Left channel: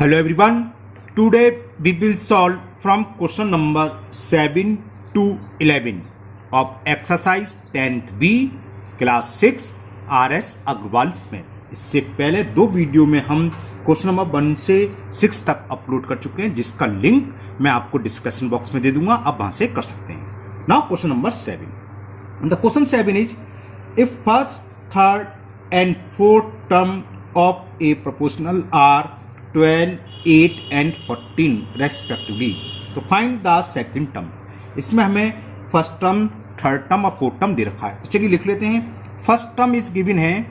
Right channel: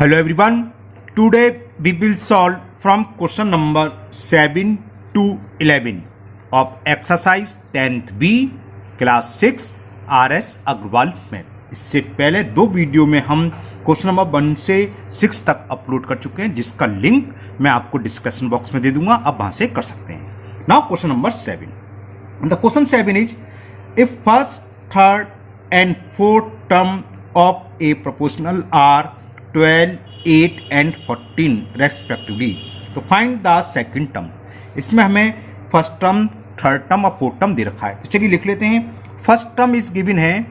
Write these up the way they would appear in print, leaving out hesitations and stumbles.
Hello everyone. Today we will solve from question number 7 to 11 of exercise 10th B class 6 RS Agarwal में। इससे पहले दो video में हम क्वेश्चन नंबर 1 से 6 तक अपलोड कर चुके हैं, जिसका लिंक मैं आपको डिस्कशन बॉक्स में दे दूंगा, आप वहां से कर सकते हैं। Now question number 7। The question 7 is if first, third and fourth term of a proportional are 12, 8 and 14 respectively, तो फाइंड द सेकंड टर्म। इसमें हमें फर्स्ट टर्म, थर्ड टर्म और फोर्थ टर्म दे रखा है, तो चलिए लिख लेते हैं। फर्स्ट टर्म इज गिवन है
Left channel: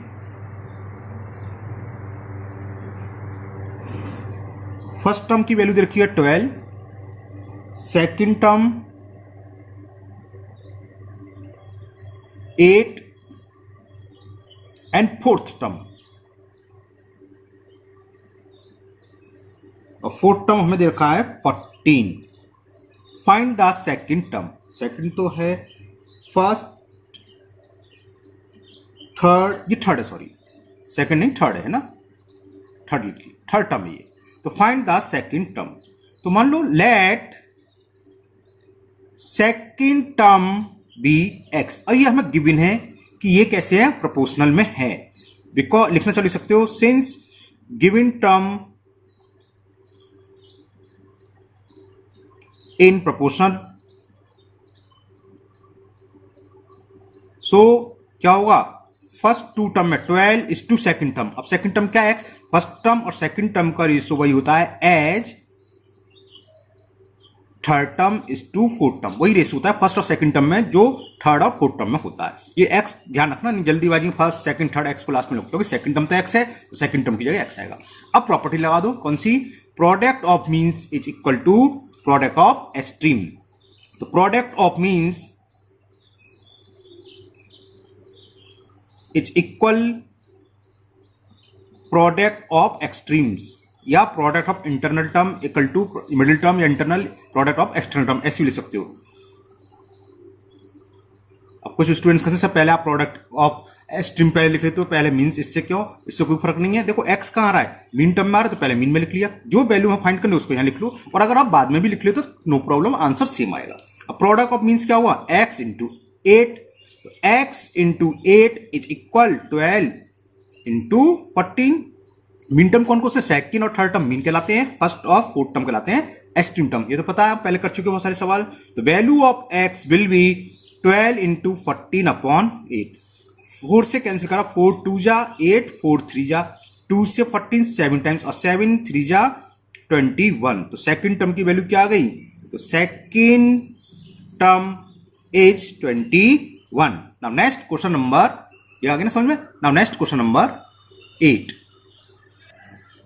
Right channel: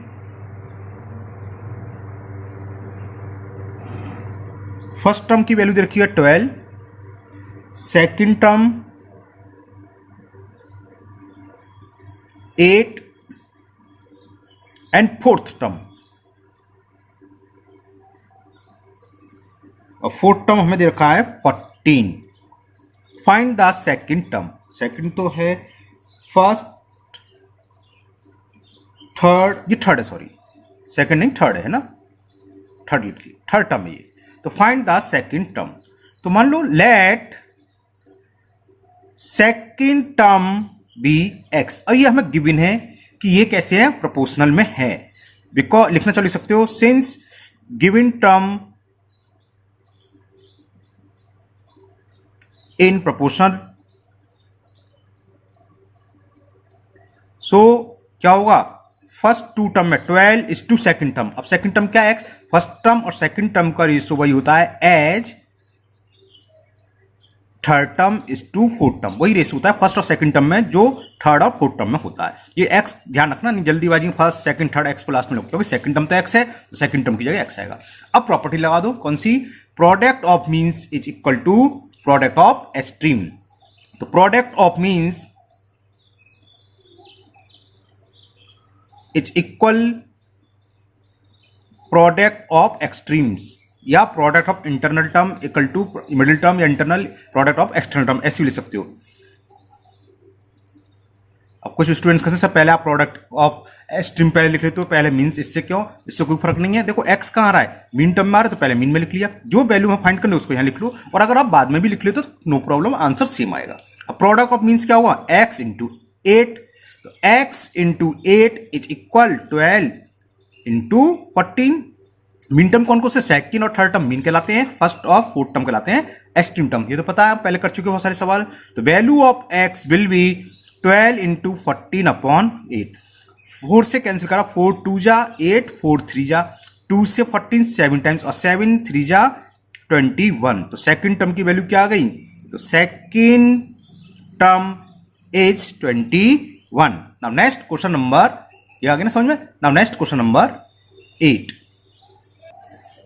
फर्स्ट टर्म की वैल्यू दे रखी है 12, second term 8 and fourth term, और फोर्थ टर्म हमें दे रखा है 14। Find the second term. Second तो है फर्स्ट, थर्ड, ये थर्ड है, सॉरी सेकंड नहीं थर्ड है ना, थर्ड लिखिए, थर्ड टर्म है ये। तो फाइंड द सेकंड टर्म। तो मान लो let second term be x, और ये हमें गिवन है कि ये कैसे है, प्रोपोर्शनल में है। बिकॉज लिखना चल सकते हो, since given term in proportional, so क्या होगा, फर्स्ट टू टर्म में 12 इज टू सेकंड टर्म। अब सेकंड टर्म क्या है, एक्स, फर्स्ट टर्म और सेकंड टर्म का रेशियो वही होता है as third term is to fourth term, वही रेशियो होता है फर्स्ट और सेकंड टर्म में जो थर्ड और फोर्थ टर्म में होता है। ये एक्स ध्यान रखना, नहीं जल्दीबाजी में फर्स्ट सेकंड थर्ड एक्स को लास्ट में लगता है, क्योंकि सेकंड टर्म तो एक्स है, तो सेकंड टर्म की जगह एक्स आएगा। अब प्रॉपर्टी लगा दो, कौन सी, product of means is equal to product of extreme. तो product of means is equal product of extremes, या product of internal term equal to middle term, या internal product of external term, ऐसे भी लिख सकते हो। अब कुछ स्टूडेंट्स कहते हैं पहले आप प्रोडक्ट ऑफ एक्सट्रीम पहले लिख लेते हो, पहले मीन्स, इससे क्यों, इससे कोई फर्क नहीं है। देखो एक्स कहां आ रहा है, मीन टर्म में आ रहा है, तो पहले मीन में लिख लिया, जो वैल्यू हम फाइंड करने उसको यहां लिख लो, और अगर आप बाद में भी लिख लेते तो नो प्रॉब्लम, आंसर सेम आएगा। अब प्रोडक्ट ऑफ मीन्स क्या हुआ, एक्स इंटू 8, तो x into 8 is equal 12 into 14। Mean term कौन कौन से, सेकंड और थर्ड टर्म मीन कहलाते हैं, फर्स्ट और फोर्थ टर्म कहलाते हैं एक्सट्रीम टर्म। ये तो पता है, आप पहले कर चुके हो बहुत सारे सवाल। तो value of x will be 12 into 14 upon 8। 4 से कैंसिल करा, 4 2 जा 8, 4 3 जा 2 से 14 7 टाइम्स, और 7 3 जा 21। तो सेकंड टर्म की वैल्यू क्या आ गई, तो second term is 21। Now next question number, ये आ गया ना समझ में। Now next question number 8।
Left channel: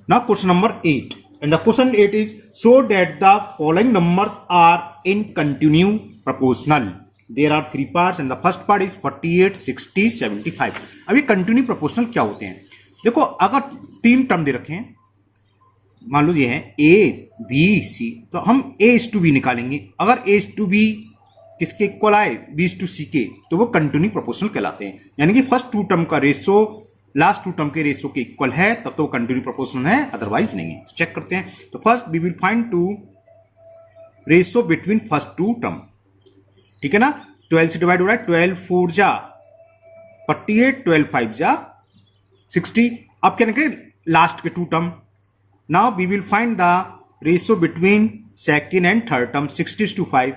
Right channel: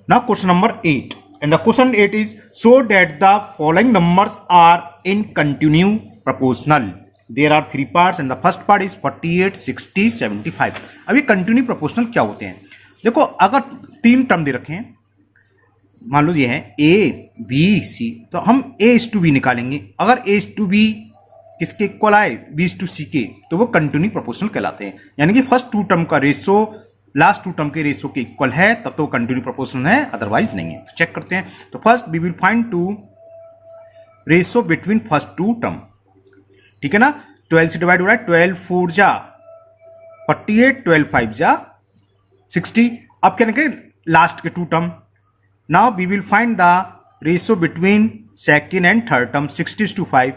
Now question number 8, and the question 8 is so that the following numbers are in continuous proportional. There are 3 parts and the first part is 48, 60, 75. अभी continue proportional क्या होते हैं, देखो अगर 3 टर्म दे रखे हैं, मान लो ये है A B C, तो हम A:B निकालेंगे। अगर A:B किसके इक्वल आए, B:C के, तो वो कंटिन्यू प्रोपोर्शनल कहलाते हैं। यानी कि फर्स्ट 2 टर्म का रेशियो लास्ट 2 टर्म के रेशियो के इक्वल है, तब तो कंटिन्यू प्रोपोर्शनल है, अदरवाइज नहीं है। तो चेक करते हैं। तो first we will find to ratio between first 2 term, ठीक है ना। 12 से डिवाइड हो रहा है, 12 4 जा 48, 12 5 जा 60। अब क्या लिखें, लास्ट के 2 term. Now we will find the ratio between second and third term, 60:5।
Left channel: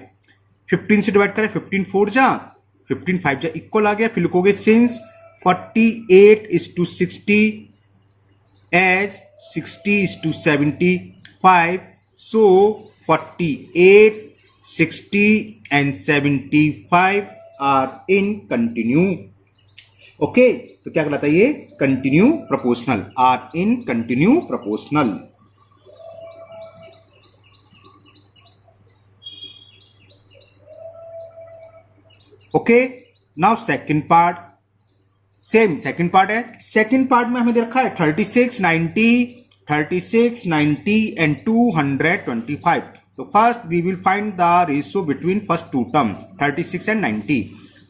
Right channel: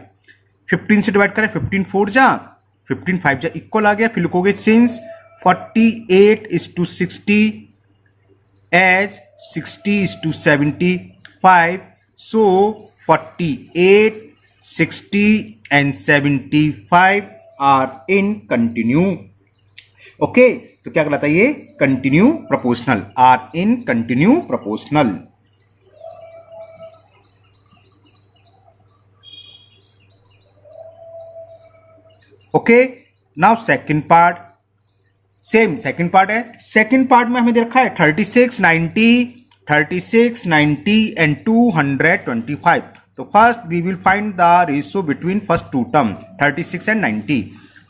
15 से डिवाइड करें, 15 4 जा 15 5 जा इक्वल आ गया। फिर लिखोगे since 48:60 as 60:75, so 48, 60 and 75 are in continue. Okay, तो क्या कहलाता है ये, continue proportional, are in continue proportional. Okay, now second part, same second part है। सेकंड पार्ट में हमें दे रखा है 36, 90, 36, 90 एंड 225। तो first we will find the ratio between first 2 term 36 and 90।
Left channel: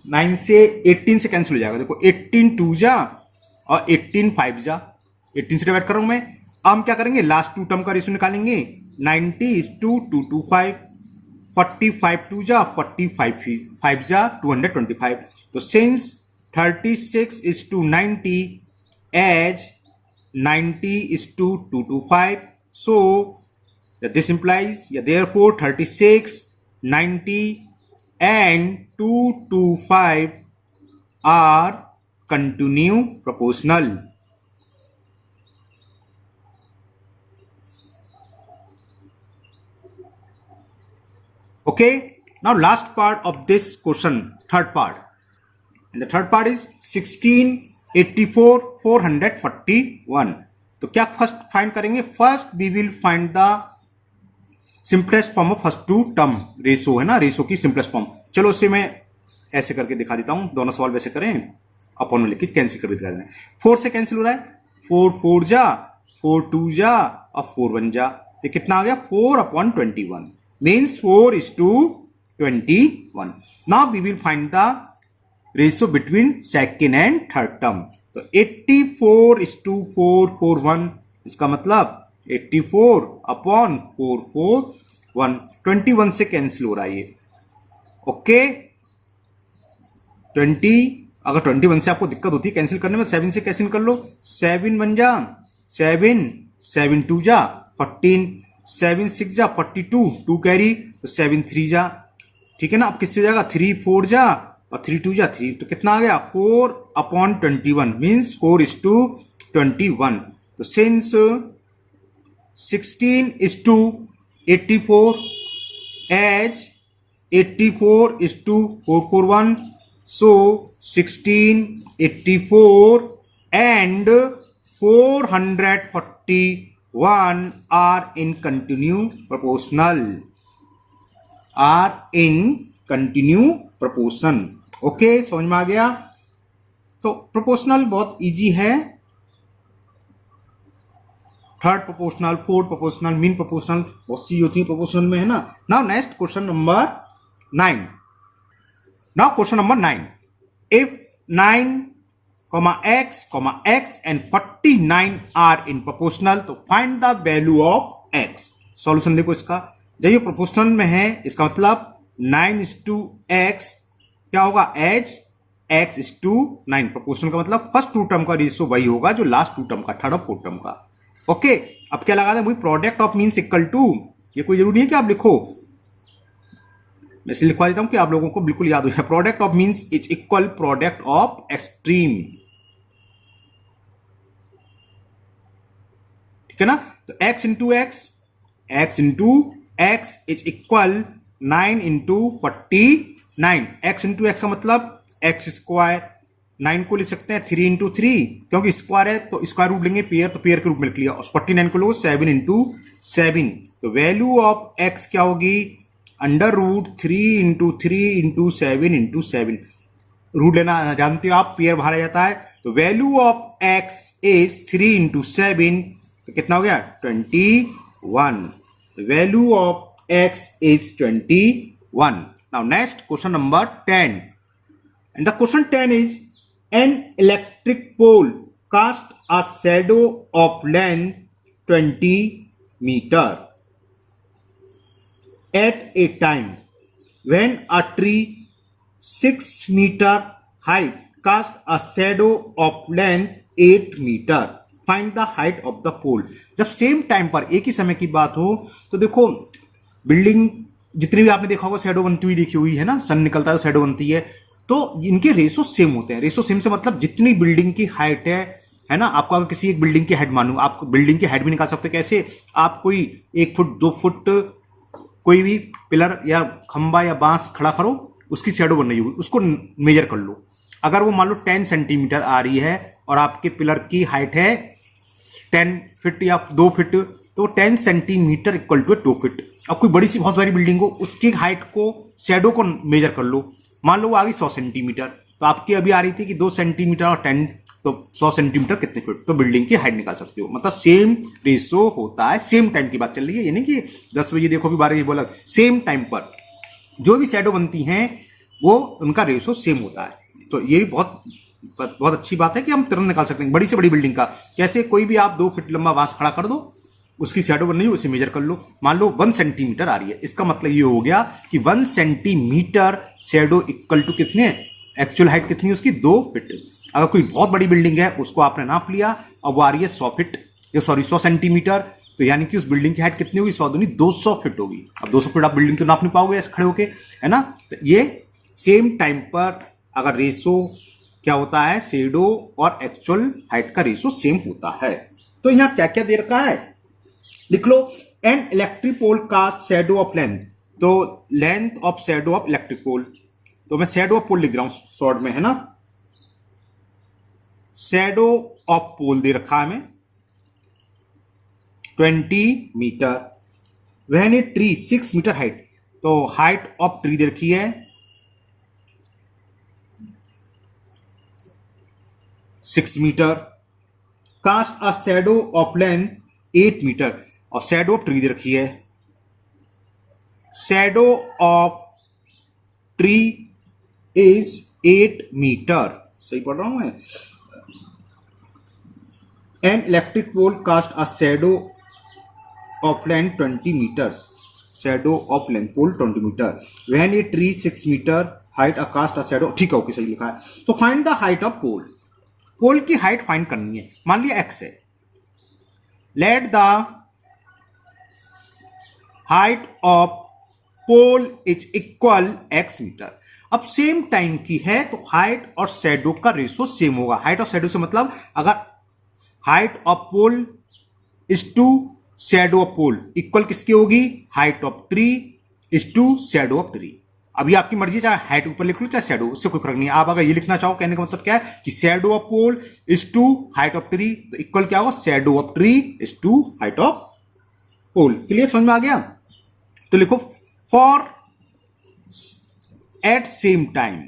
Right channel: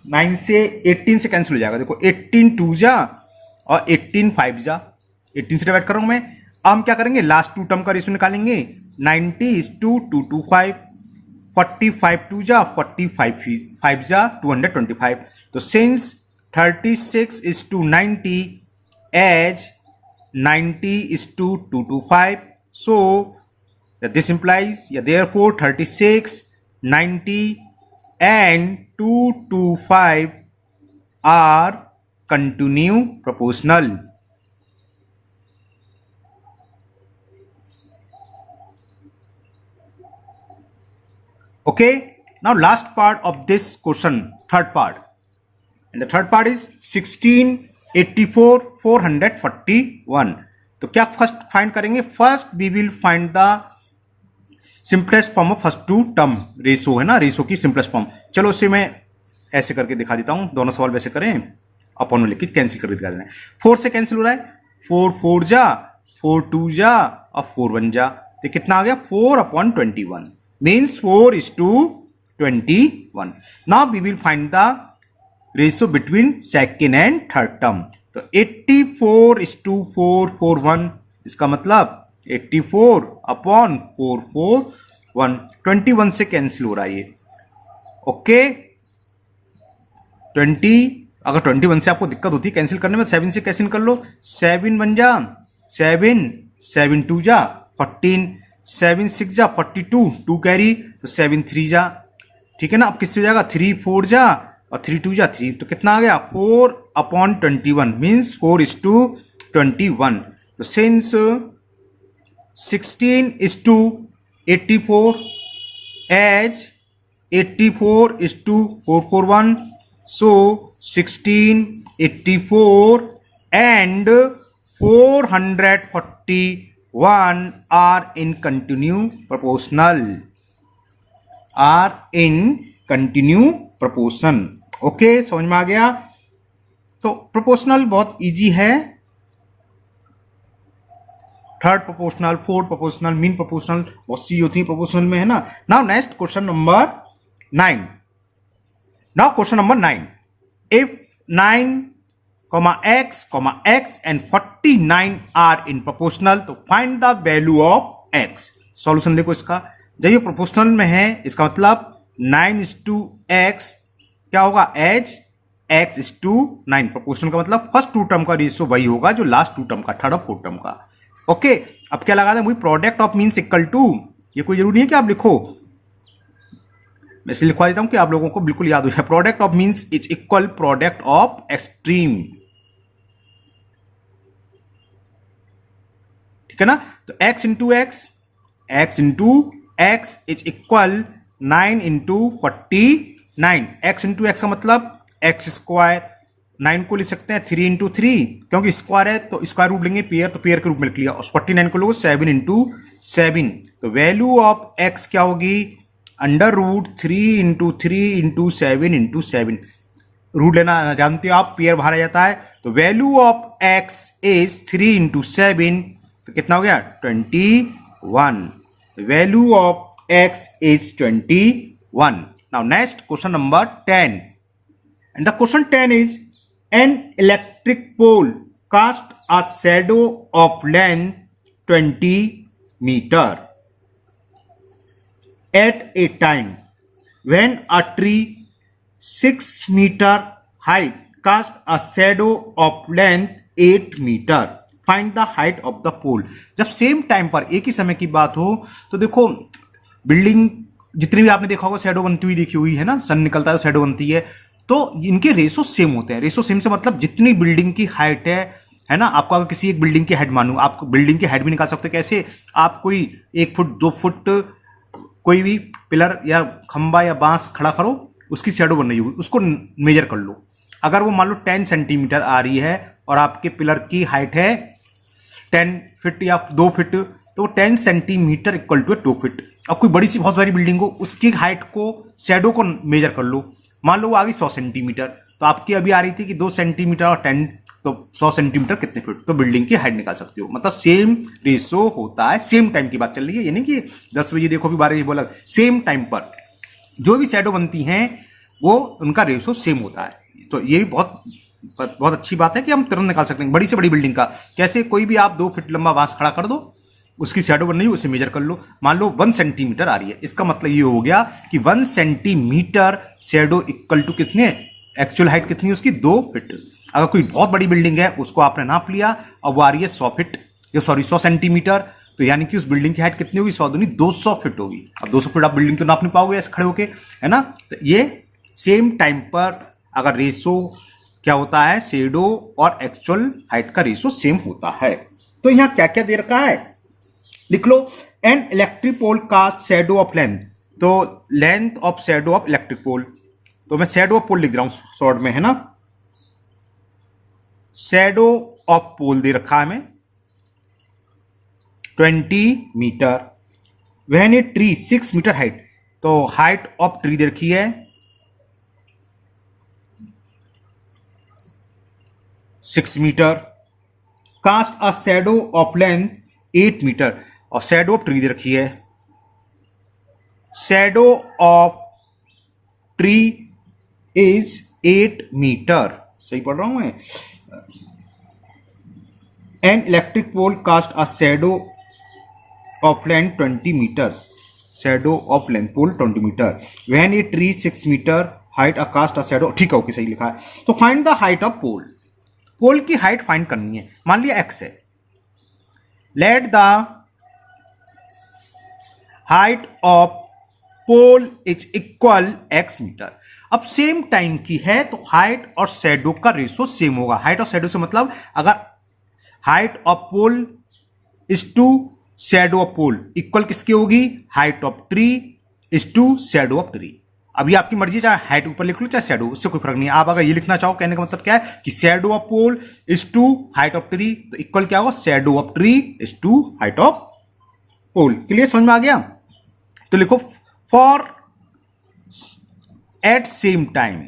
9 से 18 से कैंसिल हो जाएगा, देखो 18 2 जा और 18 5 जा, 18 से डिवाइड करूंगा मैं। हम क्या करेंगे, लास्ट टू टर्म का रेशियो निकालेंगे। 90:225, 45 टू जा 45 5 जा 225। तो since 36:90 as 90:225, so this implies, therefore 36, 90 and 225 are continue proportional. Okay, now last part of this question, third part, and the third part is 1684 441. तो क्या फर्स्ट फाइंड करेंगे, first we will find the simplest form of first two term ratio, है ना, ratio की simplest form. चलो उसे मैं ऐसे करके दिखा देता हूं, दोनों सवाल वैसे करें, अपन में लिखित कैंसिल कर दिखा देना है। 4 से कैंसिल हो रहा है, 4 4 जा, 4 2 जा और 4 1 जा, तो कितना आ गया 4/21, means 4:21। Now we will find the ratio between second and third term. तो 84:441, इसका मतलब 84/441, 21 से कैंसिल हो रहा है ये। ओके, 20, अगर 21 से आपको दिक्कत होती है कैंसिल करने में, 7 से कैंसिल कर लो, 7 1 जा 7, 7 2 जा 14, 7 6 जा 42, 2 कैरी, तो 7 3 जा, ठीक है ना। अब किससे जाएगा, 3 4 जा और 3 2 जा 3, तो कितना आ गया 4/21, मीन्स 4:21। तो since 16:84 as 84:441, so 1684 and 441 are in continue proportional, are in continue proportion। Okay, समझ में आ गया। तो प्रोपोर्शनल बहुत इजी है, third proportional, fourth proportional, mean proportional, बहुत सी होती है प्रोपोर्शनल में, है ना। Now next question number 9। Now question number 9, if 9, x, x and 49 are in proportional, तो find the value of x। Solution देखो इसका, जब ये प्रोपोर्शनल में है, इसका मतलब 9:x क्या होगा, एज x:9। प्रोपोर्शनल का मतलब फर्स्ट टू टर्म का रेशियो वही होगा जो लास्ट टू टर्म का, थर्ड और फोर्थ टर्म का। ओके, अब क्या लगा था मुझे, product of means equal to, ये कोई जरूरी नहीं है कि आप लिखो, मैं इसलिए लिखवा देता हूं कि आप लोगों को बिल्कुल याद हो जाए। Product of means is equal product of extreme, ठीक है ना। तो x into x is equal 9 into 49। x into x का मतलब x स्क्वायर, 9 को लिख सकते हैं 3 इंटू 3, क्योंकि स्क्वायर है तो स्क्वायर रूट लेंगे पेयर, तो पेयर के रूप में लिख लिया। और 49 को लो 7 इंटू 7, तो वैल्यू ऑफ x क्या होगी, √3 इंटू 3 इंटू 7 इंटू 7। रूट लेना जानते हो आप, पेयर बाहर जाता है, तो value of x is 3 into 7, तो कितना हो गया 21। Value of x is 21. Now next question number 10, and the question 10 is, an electric pole cast a shadow of length 20 meter at a time when a tree 6 meter height cast a shadow of length 8 meter. Find the height of the pole. जब same time पर एक ही समय की बात हो, तो देखो building जितनी भी आपने देखा होगा शैडो बनती हुई देखी हुई है ना, सन निकलता है शैडो बनती है, तो इनके रेशो सेम होते हैं। रेशो सेम से मतलब जितनी बिल्डिंग की हाइट है ना, आपको अगर किसी एक बिल्डिंग की हाइट मानू, आप बिल्डिंग की हाइट भी निकाल सकते हैं। कैसे, आप कोई 1 फुट 2 फुट कोई भी पिलर या खंबा या बांस खड़ा करो, उसकी शैडो बन रही होगी, उसको मेजर कर लो। अगर वो मान लो 10 सेंटीमीटर आ रही है और आपके पिलर की हाइट है 10 फीट या 2 फीट, तो 10 सेंटीमीटर इक्वल टू 2 फीट। अब कोई बड़ी सी बहुत बड़ी बिल्डिंग हो, उसकी हाइट को, शैडो को मेजर कर लो, मान लो वो आ गई 100 सेंटीमीटर, तो आपकी अभी आ रही थी कि 2 सेंटीमीटर और 10, तो 100 सेंटीमीटर कितने फीट, तो बिल्डिंग की हाइट निकाल सकते हो। मतलब सेम रेशो होता है, सेम टाइम की बात चल रही है, यानी कि 10 बजे देखो भी 12 बजे बोला, सेम टाइम पर जो भी शैडो बनती हैं वो उनका रेशो सेम होता है। तो ये भी बहुत बहुत अच्छी बात है कि हम तुरंत निकाल सकते हैं बड़ी से बड़ी बिल्डिंग का। कैसे? कोई भी आप 2 फीट लंबा बांस खड़ा कर दो, उसकी शैडो बन रही है, उसे मेजर कर लो, मान लो 1 सेंटीमीटर आ रही है। इसका मतलब ये हो गया कि 1 सेंटीमीटर शैडो इक्वल टू कितने, एक्चुअल हाइट कितनी है उसकी, 2 फीट। अगर कोई बहुत बड़ी बिल्डिंग है उसको आपने नाप लिया, अब वो आ रही है 100 फीट, या सॉरी 100 सेंटीमीटर, तो यानी कि उस बिल्डिंग की हाइट कितनी होगी, 100 दूनी 200 फीट होगी। अब 200 फीट आप बिल्डिंग तो नाप नहीं पाओगे ऐसे खड़े होके, है ना। तो ये सेम टाइम पर अगर रेशो क्या होता है, शैडो और एक्चुअल हाइट का रेशो सेम होता है। तो यहां क्या क्या दे रखा है, लिख लो। An electric pole cast shadow of length, तो length of shadow of electric pole, तो मैं शैडो ऑफ पोल लिख रहा हूं शॉर्ट में, है ना। शैडो ऑफ पोल दे रखा है हमें 20 meter. When a tree 6 meter height, तो हाइट ऑफ ट्री दे रखी है 6 meter. Cast a shadow of length 8 meter, और शैडो ऑफ ट्री दे रखी है, shadow of tree is 8 meter. सही पढ़ रहा हूं मैं। An electric pole cast a shadow of length 20 meters, shadow of length pole 20 meter. When a tree 6 meter height a cast a shadow, ठीक है, ओके, सही लिखा है। तो find the height of pole, pole की हाइट फाइंड करनी है। मान लिया x है, let the height of pole is equal x meter. अब सेम टाइम की है तो हाइट और शैडो का रेशो सेम होगा। हाइट और शैडो से मतलब अगर height of pole is to shadow of pole equal किसकी होगी, height of tree is to shadow of tree. अभी आपकी मर्जी, चाहे हाइट ऊपर लिख लो चाहे शैडो, उससे कोई फर्क नहीं है। आप अगर ये लिखना चाहो, कहने का मतलब क्या है कि shadow of pole is to height of tree, तो इक्वल क्या होगा, shadow of tree is to height of pole. Clear, समझ में आ गया। तो लिखो फॉर एट सेम टाइम,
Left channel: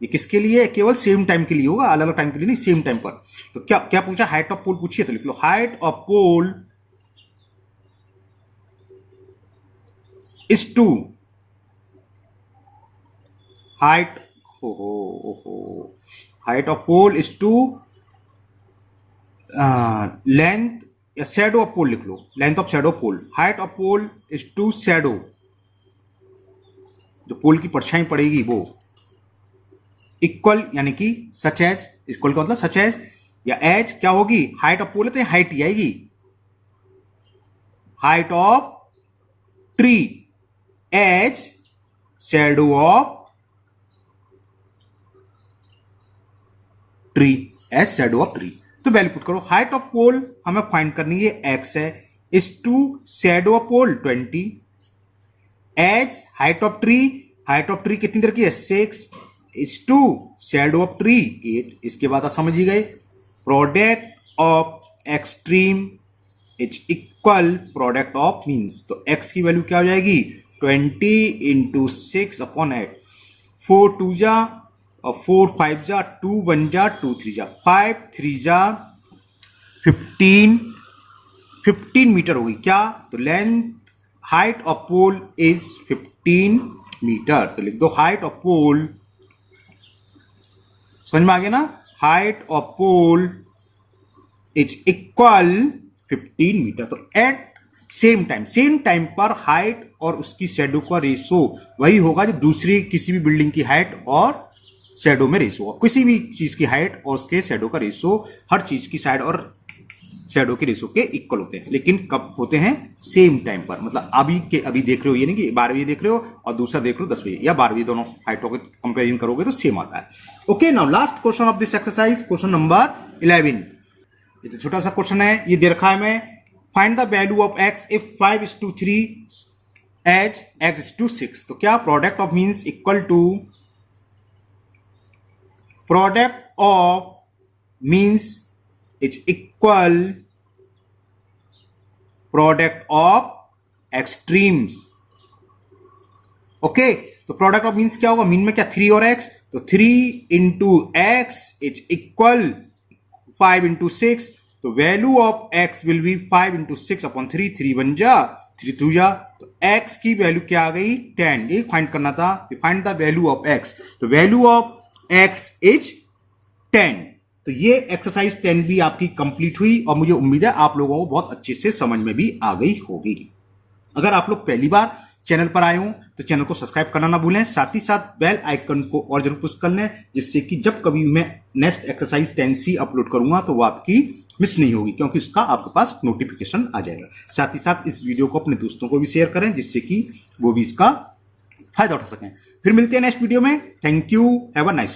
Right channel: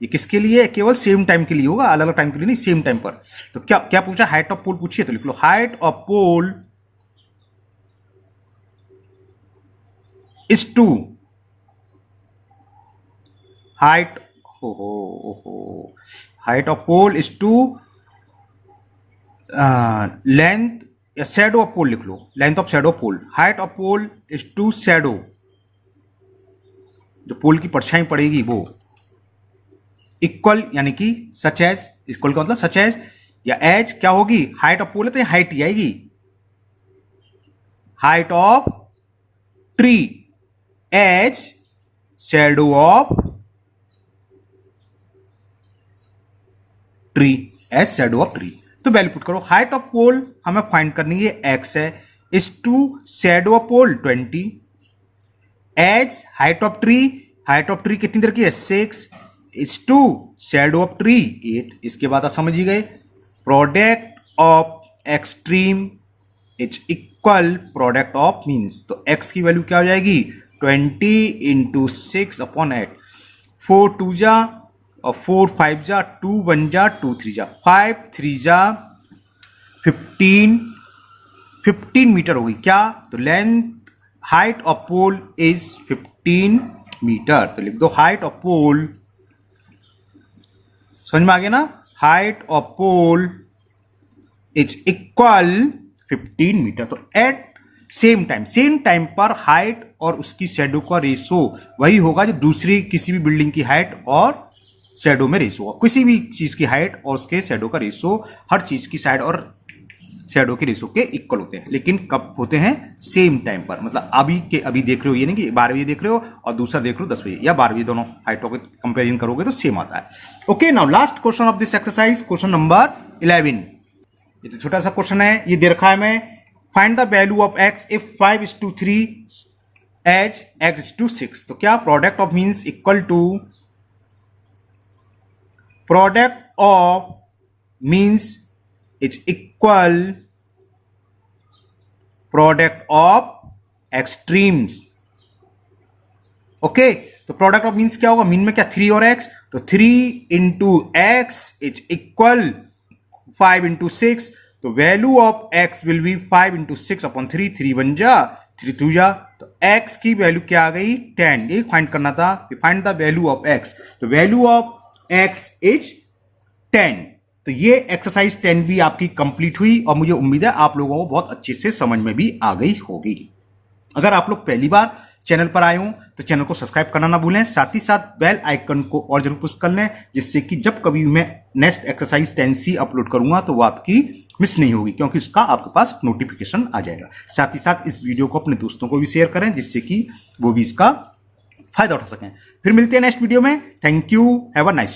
ये किसके लिए, केवल सेम टाइम के लिए होगा, अलग अलग टाइम के लिए नहीं, सेम टाइम पर। तो क्या क्या पूछा, हाइट ऑफ पोल पूछिए, तो लिख लो height of pole is to height, height of pole is to length, या शैडो ऑफ पोल लिख लो, length of shadow of pole. Height of pole is to shadow, जो पोल की परछाई पड़ेगी वो, इक्वल यानी कि सच एज, इक्वल का मतलब सच एज, या एज क्या होगी, हाइट ऑफ पोल है तो हाइट ही आएगी, height of tree as shadow of tree, as shadow of tree. तो वैल्यू पुट करो। हाइट ऑफ पोल हमें फाइंड करनी है, x है, is to shadow of pole 20, as height of tree कितनी देर की है 6, is to shadow of tree 8। इसके बाद आप समझ ही गए, product of extreme is equal product of means, तो x की वैल्यू क्या हो जाएगी 20 इंटू 6 अपॉन 8, 4 2 जा और 4 5 जा, 2 1 जा, 2 3 जा, 5 3 जा 15 मीटर होगी क्या, तो length height of pole is 15 metre. तो लिख दो हाइट ऑफ पोल, समझ में आ गया ना, height of pole is equal 15 metre. तो एट सेम टाइम पर हाइट और उसकी शैडो का रेशो वही होगा जो दूसरी किसी भी बिल्डिंग की हाइट और शैडो में रेशो होगा। किसी भी चीज की हाइट और उसके शैडो का रेशो हर चीज की साइड और शैडो के रेशो के इक्वल होते हैं, लेकिन कब होते हैं, सेम टाइम पर। मतलब अभी के अभी देख रहे हो, ये नहीं कि 12वीं देख रहे हो और दूसरा देख रहे हो 10वीं या 12वीं, दोनों हाइटों के कंपेरिजन करोगे तो सेम आता है। Okay, now last question of this exercise, question number 11। ये तो छोटा सा क्वेश्चन है, ये दे रखा है मैं, find the value of x if 5:3 as x:6। तो क्या product of means equal to product of means is equal product of extremes. Okay, तो प्रोडक्ट ऑफ मीन्स क्या होगा, मीन में क्या 3 और x, तो 3 into x is equal 5 into 6, तो value of x will be 5 into 6 upon 3, 3 1 जा, 3 2 जा, तो x की वैल्यू क्या आ गई 10। ये फाइंड करना था, find the value of x। तो वैल्यू ऑफ x इज 10। तो ये एक्सरसाइज 10 भी आपकी कंप्लीट हुई और मुझे उम्मीद है आप लोगों को बहुत अच्छे से समझ में भी आ गई होगी। अगर आप लोग पहली बार चैनल पर आए हो तो चैनल को सब्सक्राइब करना ना भूलें, साथ ही साथ बेल आइकन को और जरूर पुश कर लें, जिससे कि जब कभी मैं नेक्स्ट एक्सरसाइज 10C अपलोड करूंगा तो वो आपकी मिस नहीं होगी, क्योंकि उसका आपके पास नोटिफिकेशन आ जाएगा। साथ ही साथ इस वीडियो को अपने दोस्तों को भी शेयर करें, जिससे कि वो भी इसका फायदा उठा सकें। फिर मिलते हैं नेक्स्ट वीडियो में। Thank you, have a nice day.